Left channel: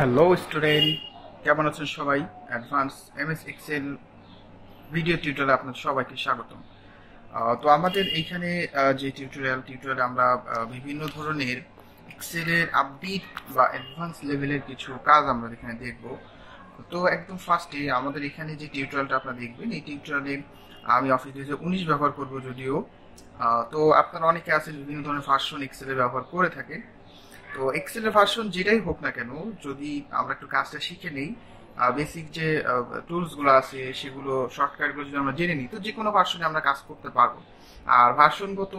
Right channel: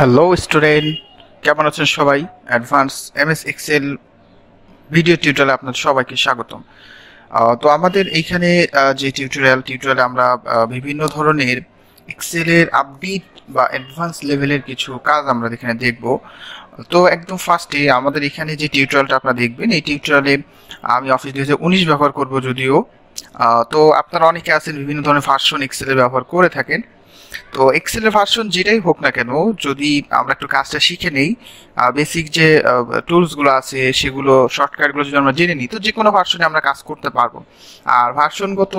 Hello student, কেমন আছেন সবাই? অ্যাডভান্স এমএস এক্সেল ভিডিও টিউটোরিয়ালে আপনাদের সবাইকে স্বাগতম। তো আমাদের এইখানে যে টিউটোরিয়ালে আমরা বিভিন্ন ধরনের এক্সেলের আপডেট বা অ্যাডভান্স লেভেলের কিছু কাজ আমরা এখানে দেখব। তো একদম ফার্স্টে আমাদের এখানে যে টিউটোরিয়ালটা আপনারা দেখবেন, এই টিউটোরিয়ালে আমি অফিস 2019 ব্যবহার করব যদিও। তো আপনারা অনেকে আছেন বিভিন্ন ধরনের ভার্সন এক্সেলের ব্যবহার করে থাকেন। তো এক্সেলের ভার্সন যেটাই হোক না কেন, যদি আমরা একটু কাজটা শিখে নেই, বেসিক যে টুলসগুলো আছে সেগুলো শর্টকাটগুলো যদি আমরা জেনে নিই, তো যে কোনো ভার্সনে আমরা কাজ করতে পারবো। আর ভার্সনগত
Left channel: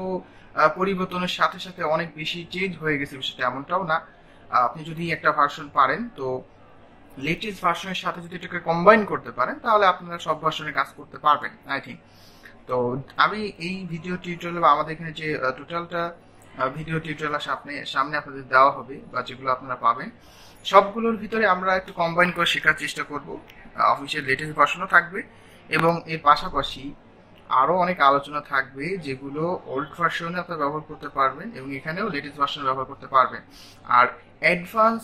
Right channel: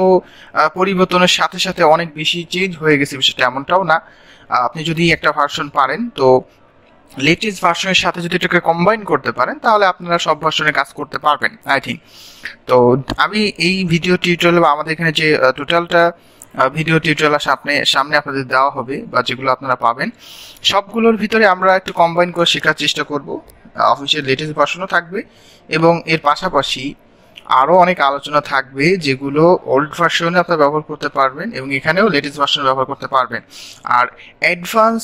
পরিবর্তনের সাথে সাথে অনেক বেশি চেঞ্জ হয়ে গেছে বিষয়টা এমনটাও না। আপনি যদি একটা ভার্সন পারেন, তো লেটেস্ট ভার্সনের সাথে যদি এটাকে কম্বাইন করতে পারেন, তাহলে আপনারা সব ভার্সনে কাজ করতে পারবেন আই থিঙ্ক। তো আমি এই ভিডিও টিউটোরিয়াল বা আমাদের এখানে যে টোটালটা ভিডিও টিউটোরিয়াল সামনে আপনাদের দেওয়া হবে বা যেগুলো আপনারা পাবেন, সবগুলোর ভিতরে আমরা একটু কম্বাইন করে শেখার চেষ্টা করব। অফিসিয়াল লেটেস্ট ভার্সনও থাকবে এবং এর পাশাপাশি আরও অনেক আলোচনা থাকবে যেগুলো ওল্ড ভার্সনে আপনারা ব্যবহার করতে পারবেন এবং এখানেও লেটেস্ট ভার্সন ব্যবহার করতে পারবেন। আর অ্যাডভান্স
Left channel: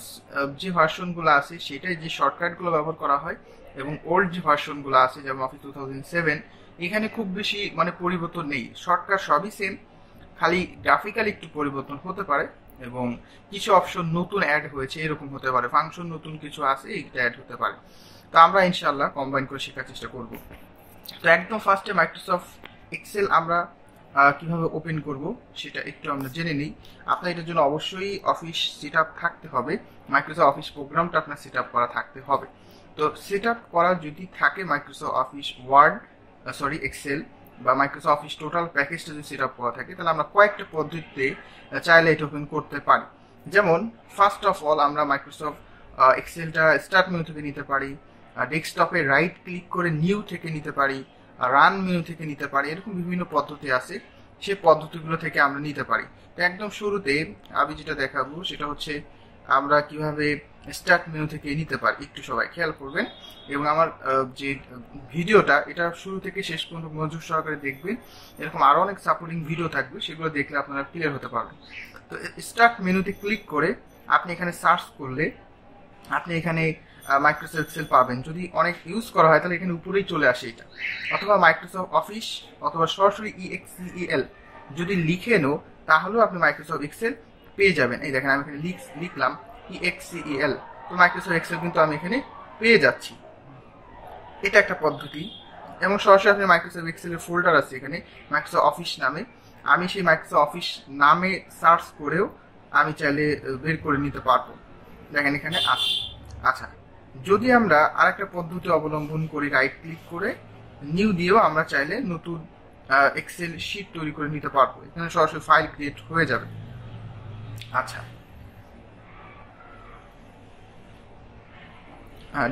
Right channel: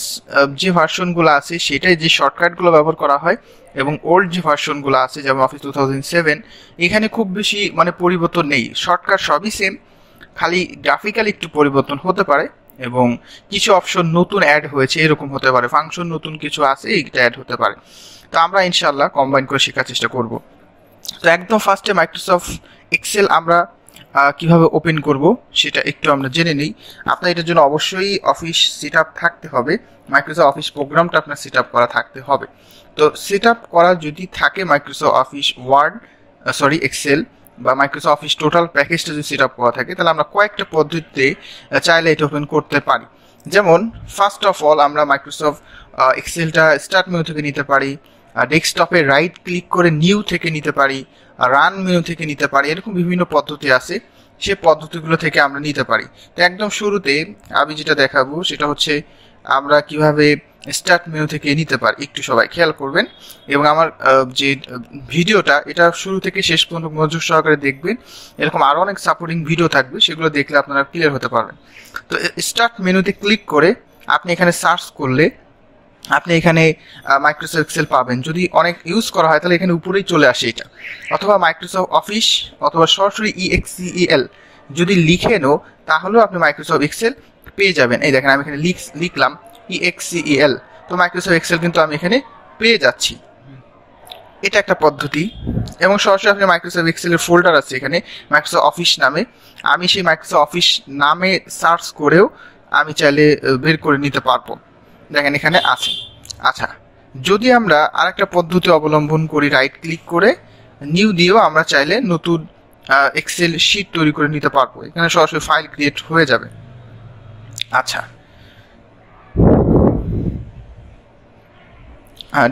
যে ভার্সনগুলো আছে সেটাই যে শর্টকাটগুলো ব্যবহার করা হয়, এবং ওল্ড যে ভার্সনগুলো আছে যেমন অফিস 2007, এখানে খুব বেশি পরিবর্তন নেই, শর্টকাট সবই সেম, খালি গ্রাফিক্যালি একটু পরিবর্তন হতে পারে এবং কিছু অপশন নতুন অ্যাড হয়েছে এরকম হতে পারে, ফাংশন নতুন কিছু আছে এইটা অ্যাড হতে পারে। তো আমরা ইনশাল্লাহ কম্বাইন করে শেখার চেষ্টা করব। তো একদম ফার্স্টে মাইক্রোসফট এক্সেল আমরা কিভাবে ওপেন করব সেটা একটু আমরা জেনে নিই। আপনার এটার জন্য অবশ্যই অফিস সেট আপ থাকতে হবে, মাইক্রোসফট অফিস প্রোগ্রামটা আপনার সেট আপ করা থাকতে হবে। তো সেট আপ করা যদি থাকে মাইক্রোসফট অফিস এক্সেল বা মাইক্রোসফট অফিস টোটাল প্যাকেজটা যদি সেট আপ করা থাকে, তাহলে আমরা কয়েকটা পদ্ধতিতে চাইলে এটা ওপেন করতে পারি। যেমন ফার্স্ট অফ অল আমরা মাইক্রোসফট এক্সেলটা স্টার্ট মেনু থেকে নিতে পারি, ডেস্কটপে রাইট ক্লিক করে নিউ থেকে নিতে পারি, রান মেনু থেকে নিতে পারি, এরকম বিভিন্ন পদ্ধতি আছে, সে পদ্ধতিগুলো থেকে আমরা নিতে পারি। তো একদম শুরুতে আমি যেটা দেখাবো সেটা হচ্ছে আমরা কিভাবে স্টার্ট মেনু থেকে নিতে পারি, একটু সবাই খেয়াল করবেন এবং আমার যে ভিডিওটা এটা শুরু থেকে শেষ পর্যন্ত মনোযোগ সহকারে দেখবেন। এরকম আরও অনেক সাপোর্টিং ভিডিও থাকবে, সেগুলো দেখলে আপনারা ক্লিয়ার হতে পারবেন। তো স্টার্ট মেনুতে ক্লিক করে আপনি এখানে সার্চ করলে আপনি এখানে মাইক্রোসফট এক্সেল পাবেন। যদি অনেক ইউজ করা হয় তাহলে এখানে উপরেই চলে আসে এটা, অথবা মাইক্রোসফট অফিস অথবা সরাসরি EXCEL যদি লিখে নো, তাহলেও আপনি মাইক্রোসফট এক্সেল পেয়ে যাবেন। এই দেখেন আমি এখানে লিখলাম EXCEL, তো মাইক্রোসফট এক্সেল কিন্তু আমি এখানে পেয়ে যাচ্ছি। এটা একটা পদ্ধতি। এবং সরাসরি আপনি মাইক্রোসফট এক্সেলের ফোল্ডার আছে এখানে মাইক্রোসফট অফিস নামে, আমি সেই মাইক্রোসফট অফিস নামে সার্চ করেও আমি চাইলে বের করে নিতে পারবো। দেখেন এখানে আছে। আচ্ছা, যদি আমরা আরেকটা পদ্ধতি অবলম্বন করি, রাইট ক্লিক করে নিউ দিয়েও আমরা চাইলে নতুন এক্সেল শিট তৈরি করে নিতে পারবো, এখানে সরাসরি ফাইল ক্রিয়েট হয়ে যাবে। আচ্ছা,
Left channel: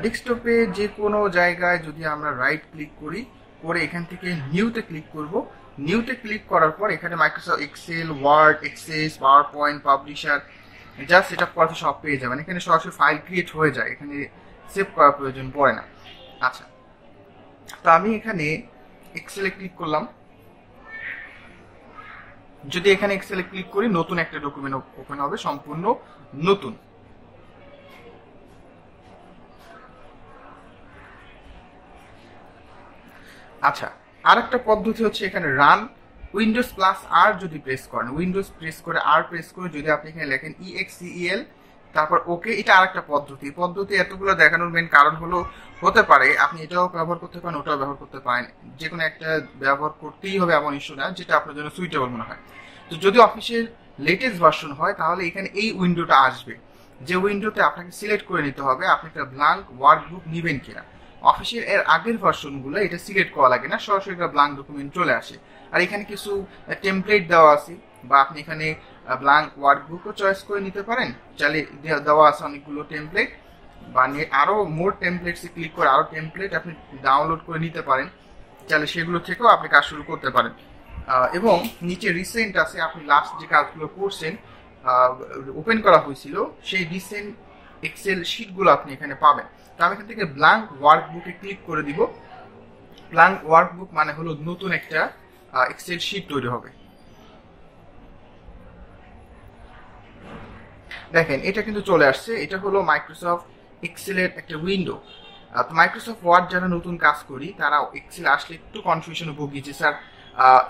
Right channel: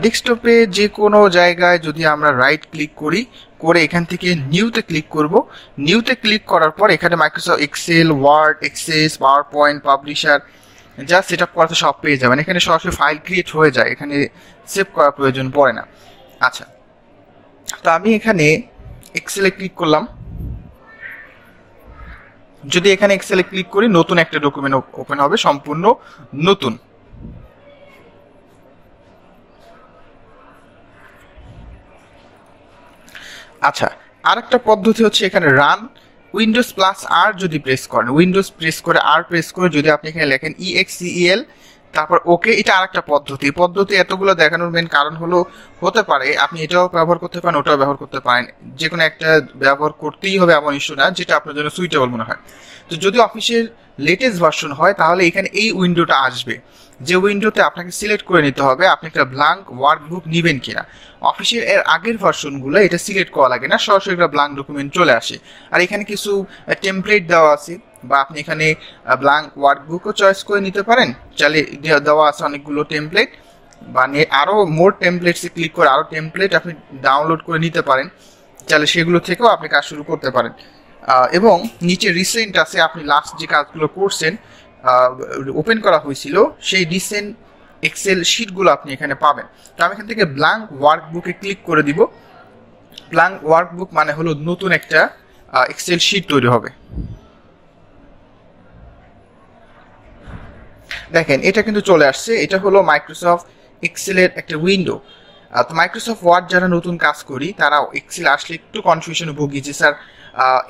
ডেস্কটপে যে কোনো জায়গায় যদি আমরা রাইট ক্লিক করি, করে এখান থেকে নিউতে ক্লিক করব, নিউতে ক্লিক করার পর এখানে Microsoft Excel, Word, Access, PowerPoint, Publisher যা সেট আপ করা সব পেয়ে যাবেন। এখানে সরাসরি ফাইল ক্রিয়েট হয়ে যায়, এখানে সেভ করার প্রয়োজন পড়ে না। আচ্ছা, তো আমি এখানে এক্সেলে ক্লিক করলাম, যদি এখানে এক্সেলে ক্লিক করি নতুন একটা ডকুমেন্ট ওপেন হবে, সম্পূর্ণ নতুন। আচ্ছা, আরেকটা পদ্ধতি হচ্ছে এখানে রান, উইন্ডোজ প্লাস আর যদি প্রেস করেন, উইন্ডোজ প্রেস করে আর প্রেস করে যদি আপনি এখানে লেখেন EXCEL তারপর ওকে, এটা আরেকটা পদ্ধতি এতগুলো দেখানোর মেন কারণ হলো হতে পারে আপনি এটাও ব্যবহার করতে পারেন ওটাও ব্যবহার করতে পারেন, যে কোনো একটা ব্যবহার করতেই হবে এমন ইস্যু না, যেটা আপনার জন্য সুইটেবল মনে হয়। তো যদি অফিসের লেটেস্ট ভার্সন হয় তাহলে এখানে এই উইন্ডোটা আসবে, যে উইন্ডোতে আপনাকে সিলেক্ট করে নিতে হবে আপনি একটা ব্ল্যাঙ্ক ওয়ার্কবুক নেবেন কিনা। অফিসের এর আগের ভার্সনগুলো এটা সিলেক্ট করা লাগে না, সরাসরি একটা ব্ল্যাঙ্ক ডকুমেন্ট চলে আসে। আর এখানে কিছু টেমপ্লেট দেওয়া আছে, বা আপনি এখানে ব্ল্যাঙ্ক ওয়ার্কবুকও চয়েস করে নিতে পারেন, চাইলে দেওয়া আছে অনেকগুলো টেমপ্লেট, বা আরও মোর টেমপ্লেটসে ক্লিক করে আরও টেমপ্লেট আপনি ডাউনলোড করে নিতে পারেন, চাইলে সেগুলো থেকেও আপনি কাজ শুরু করতে পারেন। এবং নিচে রিসেন্ট আছে, আপনি লাস্ট যে কাজগুলো করছেন ওপেন করা হয়েছিল সেই রিসেন্ট এক্সেল শিটগুলো আপনি এখানে পাবেন। তো আমি এখান থেকে ব্ল্যাঙ্ক ওয়ার্কবুকে ক্লিক করে দিব। ব্ল্যাঙ্ক ওয়ার্কবুক মানে হলো নতুন একটা এক্সেল শিট তৈরি হবে। দেখেন এটা কিন্তু চলে আসছে, এটা হলো মাইক্রোসফট এক্সেলের একটা উইন্ডো। তো মাইক্রোসফট ওয়ার্ড যারা নতুন কাজ করি তারা এক্সেল আসলে একটু কনফিউশনে ভুগি যে স্যার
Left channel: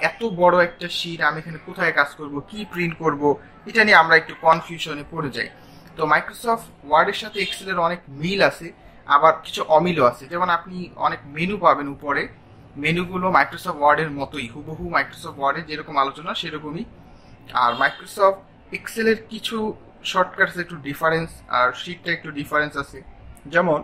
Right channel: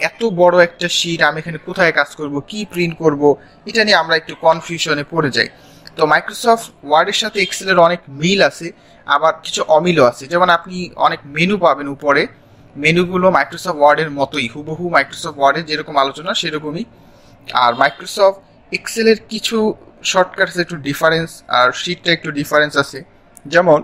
এত বড় একটা শিট আমি এখানে কোথায় কাজ করব, কি প্রিন্ট করব, এটা নিয়ে আমরা একটু কনফিউশনে পড়ে যাই। তো মাইক্রোসফট ওয়ার্ডের সাথে এক্সেলের অনেক মিল আছে, আবার কিছু অমিলও আছে। যেমন আপনি অনেক মেনু পাবেন উপরে, মেনুগুলো মাইক্রোসফট ওয়ার্ডের মতোই, হুবহু মাইক্রোসফট ওয়ার্ডের যেরকম আলোচনা সেরকমই। আর মাইক্রোসফট এক্সেলের কিছু শর্টকাটস একটু ডিফারেন্স, আর শিটটা একটু ডিফারেন্স আছে। যেমন,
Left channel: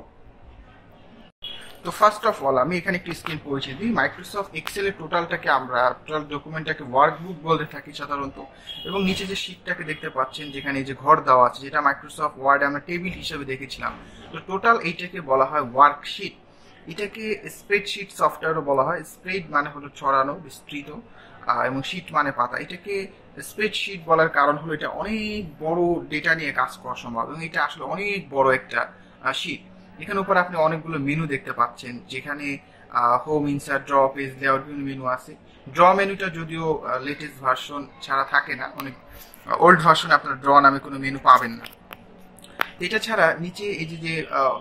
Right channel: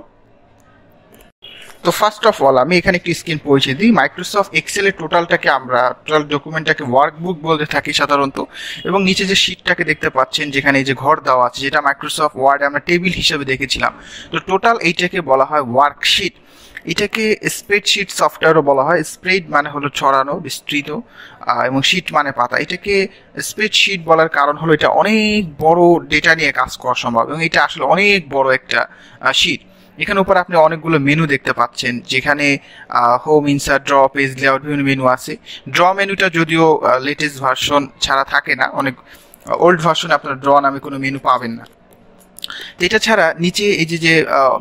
তো ফার্স্ট অফ অল আমি এখানে একটি স্ক্রিন পৌঁছে দিই। মাইক্রোসফট এক্সেলের টোটালটাকে আমরা টোটাল ডকুমেন্টটাকে ওয়ার্কবুক বলতে থাকি সাধারণত, এবং নিচে যে শিটটাকে দেখতে পাচ্ছেন যেখানে এই যে ঘর দেওয়া আছে, যেটা মাইক্রোসফট ওয়ার্ডে আমরা টেবিল হিসেবে দেখেছিলাম, তো টোটাল এইটাকে বলা হয় ওয়ার্কশিট। এটাকে স্প্রেডশিট সফটওয়্যারও বলা হয়। স্প্রেড মানে হলো ছড়ানো, বিস্তৃত, এবং শিট মানে পাতা। এটাকে স্প্রেডশিট বলার কারণ হলো এটা অনেক বড় ডেটা নিয়ে কাজ করা সম্ভব, এবং এটা আসলে অনেক বড় একটা শিট। এখানে উপর আপনি অনেকগুলো মেনু দেখতে পাচ্ছেন, যেখানে home, insert, draw, page layout, বিভিন্ন মেনু আছে। ড্র মেনুটা যদিও লেটেস্ট ভার্সন ছাড়া থাকে না, অনেক ওল্ড ভার্সনে আপনার ড্র নামে কোনো মেনু পাবেন না। এটা ছাড়া নিচে এই যে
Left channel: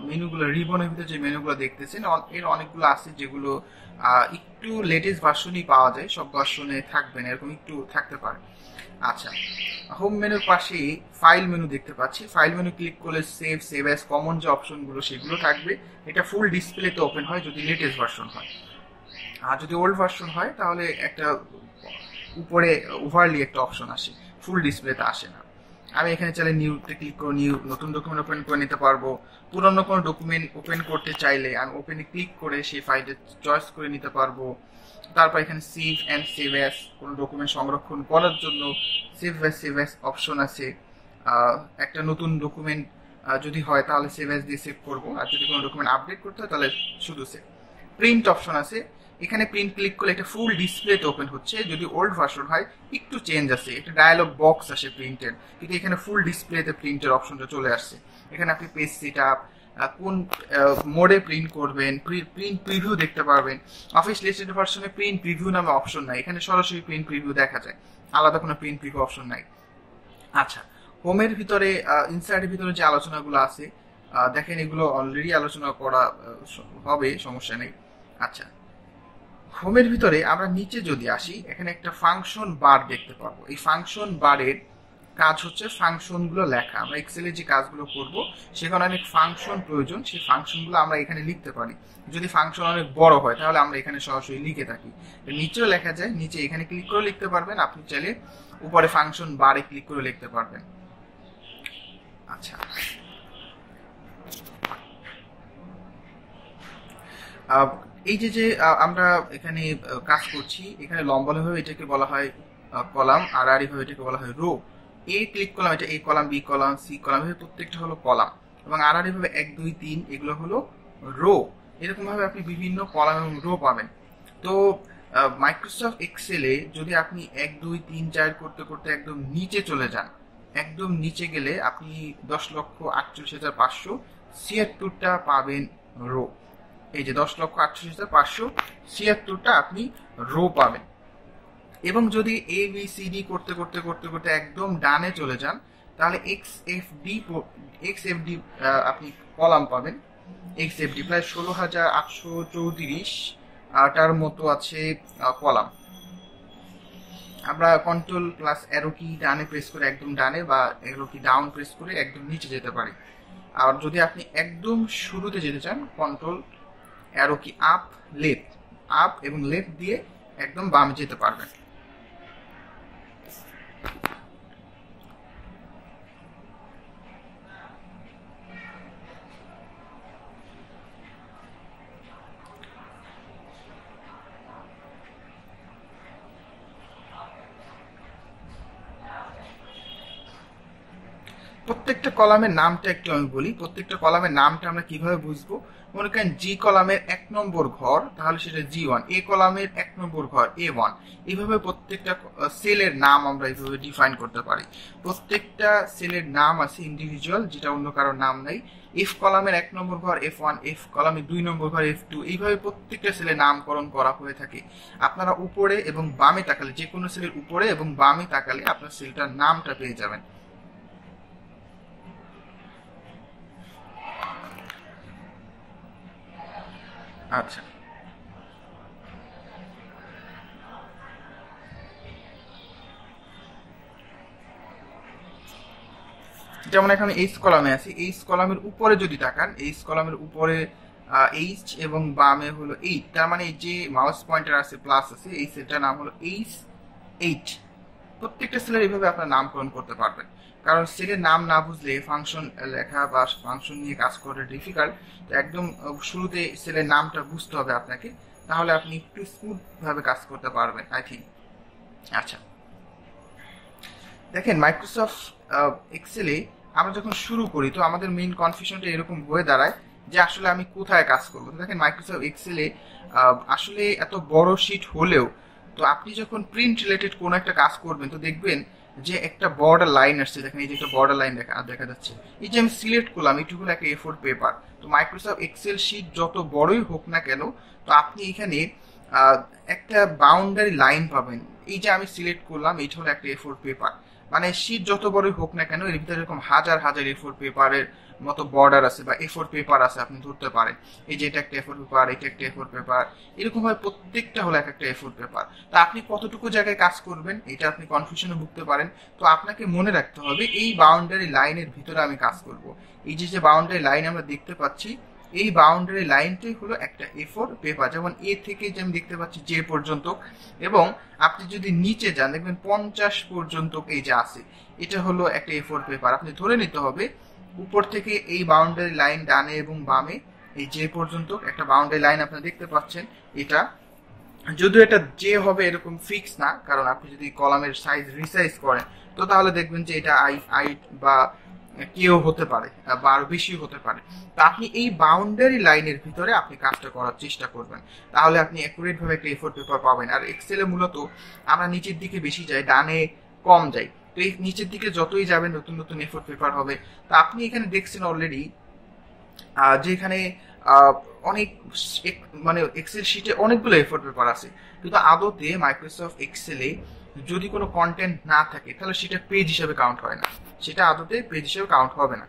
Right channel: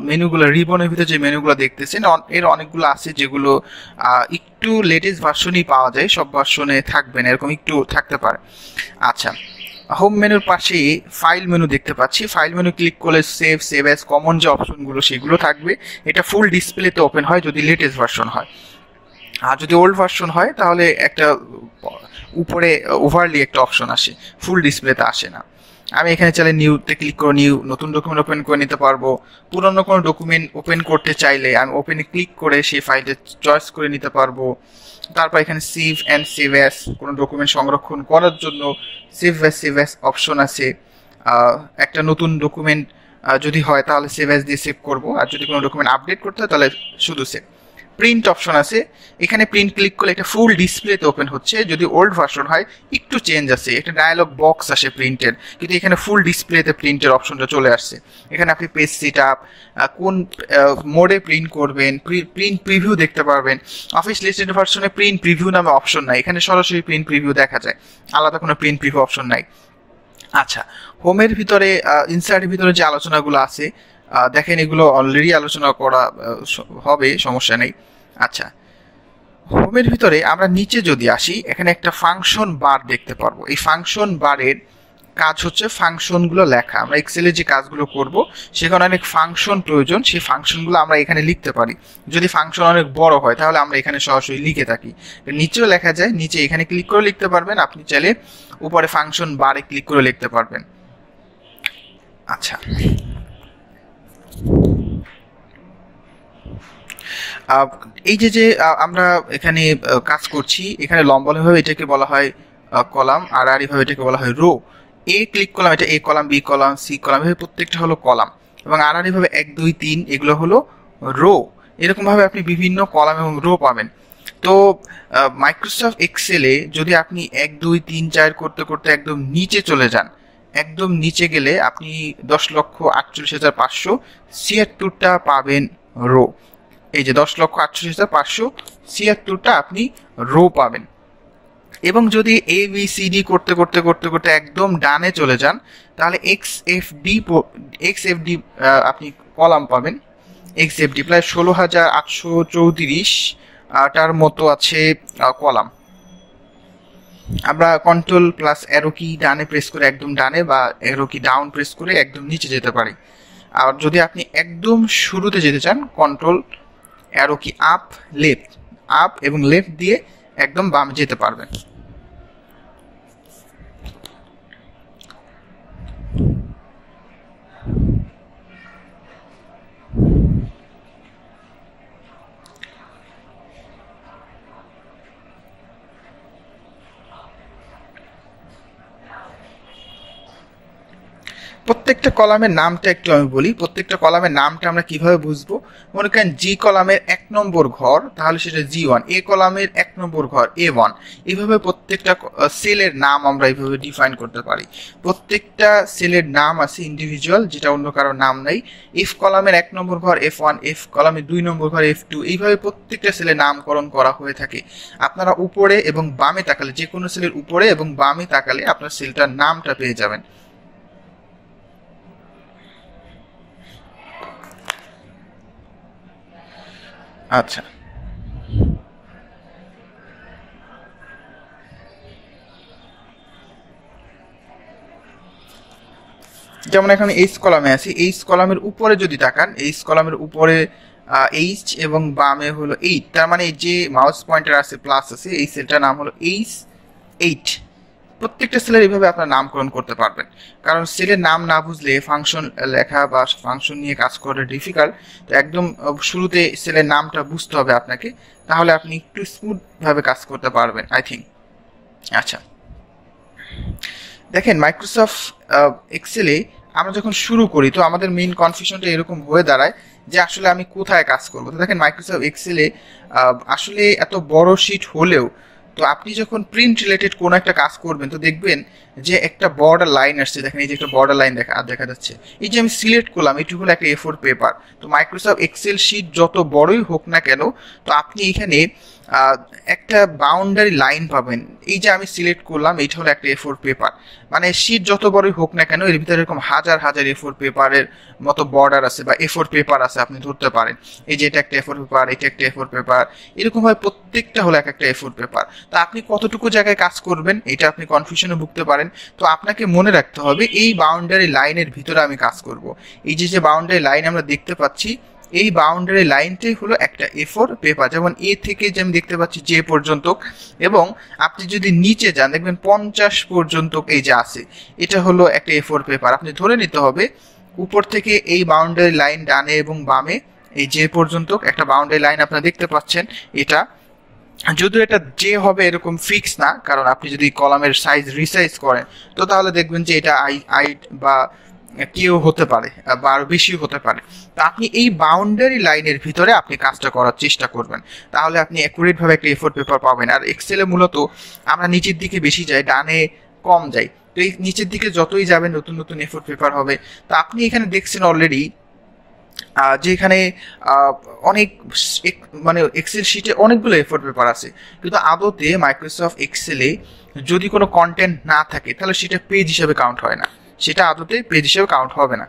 মেনুগুলো, রিবনের ভিতরে যে মেনুগুলো দেখতেছেন, এর অনেকগুলো আছে যেগুলো একটু লেটেস্ট ভার্সনই পাওয়া যায়, সব ভার্সনে থাকবে না, এরকম একটু থাকতে পারে। আচ্ছা, হোম মেনুর পাশে ফাইল মেনু দেখতে পাচ্ছি। ফাইল মেনু ক্লিক করলে সেভ অ্যাজ, কমন যে অপশনগুলো সেগুলো থাকবে। এটা ফুল ডিসপ্লেতে ওপেন হয় যদি লেটেস্ট ভার্সন হয়, আর যদি ওল্ড ভার্সন হয় তাহলে একটা উপরে ওভারলি একটা অপশন আসে, ফুল ডিসপ্লেতে আসে না। আমি এখানে চাইলে নিউতে ক্লিক করে নিউ নতুন ডকুমেন্ট ওপেন করে নিতে পারবো। পুরনো কোনো ডকুমেন্ট ওপেন করতে চাইলে আমি ওপেনে ক্লিক করে সেই ফাইলটা চয়েস করে নিতে পারবো। তারপর এখানে সেভ অ্যান্ড সেভ অ্যাস, কোনো ডকুমেন্ট সংরক্ষণ করার জন্য সেভ অ্যাস অপশন আছে। একটা নতুন ডকুমেন্ট যদি হয় তাহলে সেভ অ্যাস দিয়ে সেভ করবো, আর যদি কোনো ডকুমেন্ট আপডেট করতে হয় তাহলে শুধু সেভ। প্রিন্ট অপশন আছে, এখানে প্রিন্ট ক্লিক করলে এটা ফুল ডিসপ্লেতে ওপেন হচ্ছে। যদি ওল্ড ভার্সন হয় একটু চেঞ্জ আছে, একটা ডায়ালগ বক্স আসে প্রিন্টের, কিন্তু এখানে ফুল ডিসপ্লেতে প্রিন্টের অপশনটা চলে আসছে। এখানে আপনি পেজ সেট আপ, কোন মোডে প্রিন্ট করবেন, প্রিন্ট প্রিভিউ দেখতে পারবেন। অফিস লিস্টেড ভার্সনে প্রিন্ট প্রিভিউ নামে অপশন নাই, এখানে সরাসরি প্রিন্ট প্রিভিউ দেখা যায়, আলাদা কোনো প্রিন্ট প্রিভিউ অপশন নাই। আচ্ছা, হোমের ভিতরে ইনসার্টের ভিতরে যে আলোচনাগুলো আছে দেখেন, এগুলো অলরেডি আলোচনা করা হবে, সমস্যা নেই। আচ্ছা, হোমের ভিতরে আমরা নিচে যদি আসি, এখানে একটা ফাংশন বার দেখতে পারবো। এই ফাংশন বারের কাজ হচ্ছে ফাংশনগুলো লেখা। আমরা এক্সেলে যে কাজগুলো করব সেখানে অনেক ফাংশন প্রয়োজন, সেই ফাংশনগুলো আমরা এখানে লিখতে পারি। যদি ফাংশন অনেক বড় হয় তাহলে আমরা এখানে সরাসরি লিখে থাকি, নিচেও লেখা যায়, নিচে এখানে ক্লিক করে লিখতে পারবেন। আপনি চাইলে উপরে ফাংশন বারে ক্লিক করে লিখতে পারবেন। আচ্ছা, এই যে আমরা এখানে কাজ করছি, এখানে লম্বভাবে এটাকে বলা হয় কলাম, আর আড়াআড়িভাবে এটাকে বলা হয় রো। এ ক্লিক করলাম, এটা A column, B column, C column, এভাবে প্রত্যেকটা হলো কলাম, এবং আড়াআড়িভাবে 1 2 3 এগুলো হলো রো। এরকমভাবে আপনি বিভিন্ন কলাম এবং রো পাবেন। তো মাইক্রোসফট এক্সেলে যদি আপনি 1 2 3 4 করতে করতে একদম নিচে চলে যান, একদম নিচে গেলে আপনি 10,48,576টা পাবেন রো। এই যে 10,48,576টা আপনি রো পাবেন। এবং যদি এ বি সি ডি করতে করতে করতে করতে একদম ডানে চলে যান, তাহলে এক্স এফ ডি আপনি কলাম পাবেন। এক্স এফ ডি প্রায় 16,834টার মতো আছে কলাম। আমরা কন্ট্রোল প্লাস অ্যারো কি ডানে প্রেস করে একদম ডানে, বা অ্যারো কি ডাউন প্রেস করে একদম নিচে যেতে পারি। আর যদি আপনি একদম শুরুতে যেতে চান, কন্ট্রোল অ্যারো কি আপ এবং লেফট দিয়ে একদম বাম যেতে পারবেন। প্রত্যেকটা কলামের নামটা একটু আমি বলি। প্রত্যেকটা কলামের নামটা আমরা কিভাবে বুঝবো? মনে করেন জি কলামের 1 নম্বর ঘর, তাহলে সেটা G1। এ কলামের 1 নম্বর ঘর A1। এইভাবে প্রত্যেকটা সেলের নাম আমরা এইভাবে ডিফাইন করতে পারি। প্রত্যেকটা সেলের নাম আছে ইন্ডিভিজুয়াল, যেটা অন্য কারোর নাম নেই। এফ কলামের 1 নম্বর ঘর F1, এফ কলামের 2 নম্বর ঘর F2। এইভাবে প্রত্যেকটা সেলের নামকরণ করা হয়ে থাকে। আপনারা উপরে এবং বামে তাকালে, যে কোনো সেলের উপরে এবং বামে তাকালে আপনার সেলটার নামটা পেয়ে যাবেন। আচ্ছা, যেমন এখন এইচ কলামে আছি, এইচ কলামের উপরে যদি তাকান, এইচ কলামের উপরে এইচ এবং বামে হলো 8, তার মানে যে মাউস পয়েন্টার আছে প্লাস আছে, এই সেলটার নাম হলো এইচ 8। প্রত্যেকটা সেলের এইভাবে আপনার নামকরণ করতে পারবেন, কারণ সেলের নাম না বুঝলে ফাংশন লেখা বা ফাংশন নিয়ে কাজ করা ডিফিকাল্ট। তো একদম শুরুতে সেলের নামটা বুঝতে হবে আপনাকে, তাহলে আপনি একটু স্মুথ ভাবে কাজ করতে পারবেন আই থিঙ্ক। আচ্ছা, দেখেন মাইক্রোসফট এক্সেলে আমরা যখন শুরু করি তো আমাদের মেইন কনফিউশনটা এরকম হয়ে দাঁড়ায় যে আসলে আমি কোথায় কাজ করবো। তো দেখেন মাইক্রোসফট এক্সেলে আসলে এত বড় শিট হলেও তো আপনি যখন প্রিন্ট রিলেটেড কোনো একটা কাজ করবেন তো দেখবেন যে একটা বর্ডার লাইন আসছে। দেখেন এই যে একটা বর্ডার লাইন দেখা যাচ্ছে, এই যে আমি সিলেক্ট করলাম এটি হলো একটা A4 পেপার। তো মাইক্রোসফট এক্সেল শিট যত বড়ই হোক না কেন, তো আপনি এখানে একটা বাউন্ডারি লাইন পাবেন। এই যে আমি সিলেক্ট করলাম এইটা হলো একটা A4 পেপার, মানে শিট যত বড়ই হোক না কেন এর ভিতরে এরকম হাজার হাজার A4 পেপারের মতো বর্ডার আছে বা A4 পেপার আছে, আপনি ধরতে পারেন। এই যে এটা একটা A4 পেপার, এটা একটা A4 পেপার, এরকম ভাবে প্রত্যেকটা হলো এক একটা A4 পেপার। তো আপনি কতটুকু জায়গায় কাজ করবেন এটা আপনি কনফিউশনে ভুগতে পারেন। তো আপনাকে মনে রাখতে হবে এই বাউন্ডারি লাইনের ভিতরে আমি কাজ করব। এই যে বাউন্ডারি লাইন আমরা দেখতে পাচ্ছি, এই বাউন্ডারি লাইনটাই হলো একটা A4 পেপার। যেমন এ থেকে যে আমি দেখতে পাচ্ছি যে পর্যন্ত, এবং আপনি যদি নিচে যান দেখবেন 50 পর্যন্ত এই যে আছে, এটা হলো একটা A4 পেপার। আপনি ধরে নিতে হবে উপর থেকে এই বাউন্ডারি লাইন ডানে এবং বামে এই যে পর্যন্ত একটা বাউন্ডারি লাইন আপনারা দেখতে পাচ্ছেন। এটা যদিও এটা যে হবে এরকম ফিক্স না, কারণ আপনি যদি কলামের সাইজ রিসাইজ করেন তো তাহলে দেখবেন যে এটা আই বা কেউ হতে পারে বা আরো বেশি হতে পারে। তো আপনি এই বাউন্ডারি লাইনের ভিতরে আপনি কাজটা করার চেষ্টা করবেন, তাহলে আপনি অ্যাকুরেট ভাবে একটা A4 পেপার পাবেন। আর এক্সেলে মূলত আমরা নিচের দিকে বেশি যাই, ডানে কম যাই। তো এই নিচের দিকে যতই যাবেন নতুন নতুন A4 পেপার হবে। তো আপনি এখানে দেখছেন অলরেডি যেখানে অনেক মানে এক্সেল শিটে অনেকগুলো A4 পেপার আছে, কিন্তু আদতে মাইক্রোসফট এক্সেলে যদি কোনো কন্টেন্ট না থাকে তাহলে সেটা পেজ হিসেবে কাউন্ট হয় না, সেটা আদতে পেজ হিসেবে কাউন্ট হবে না।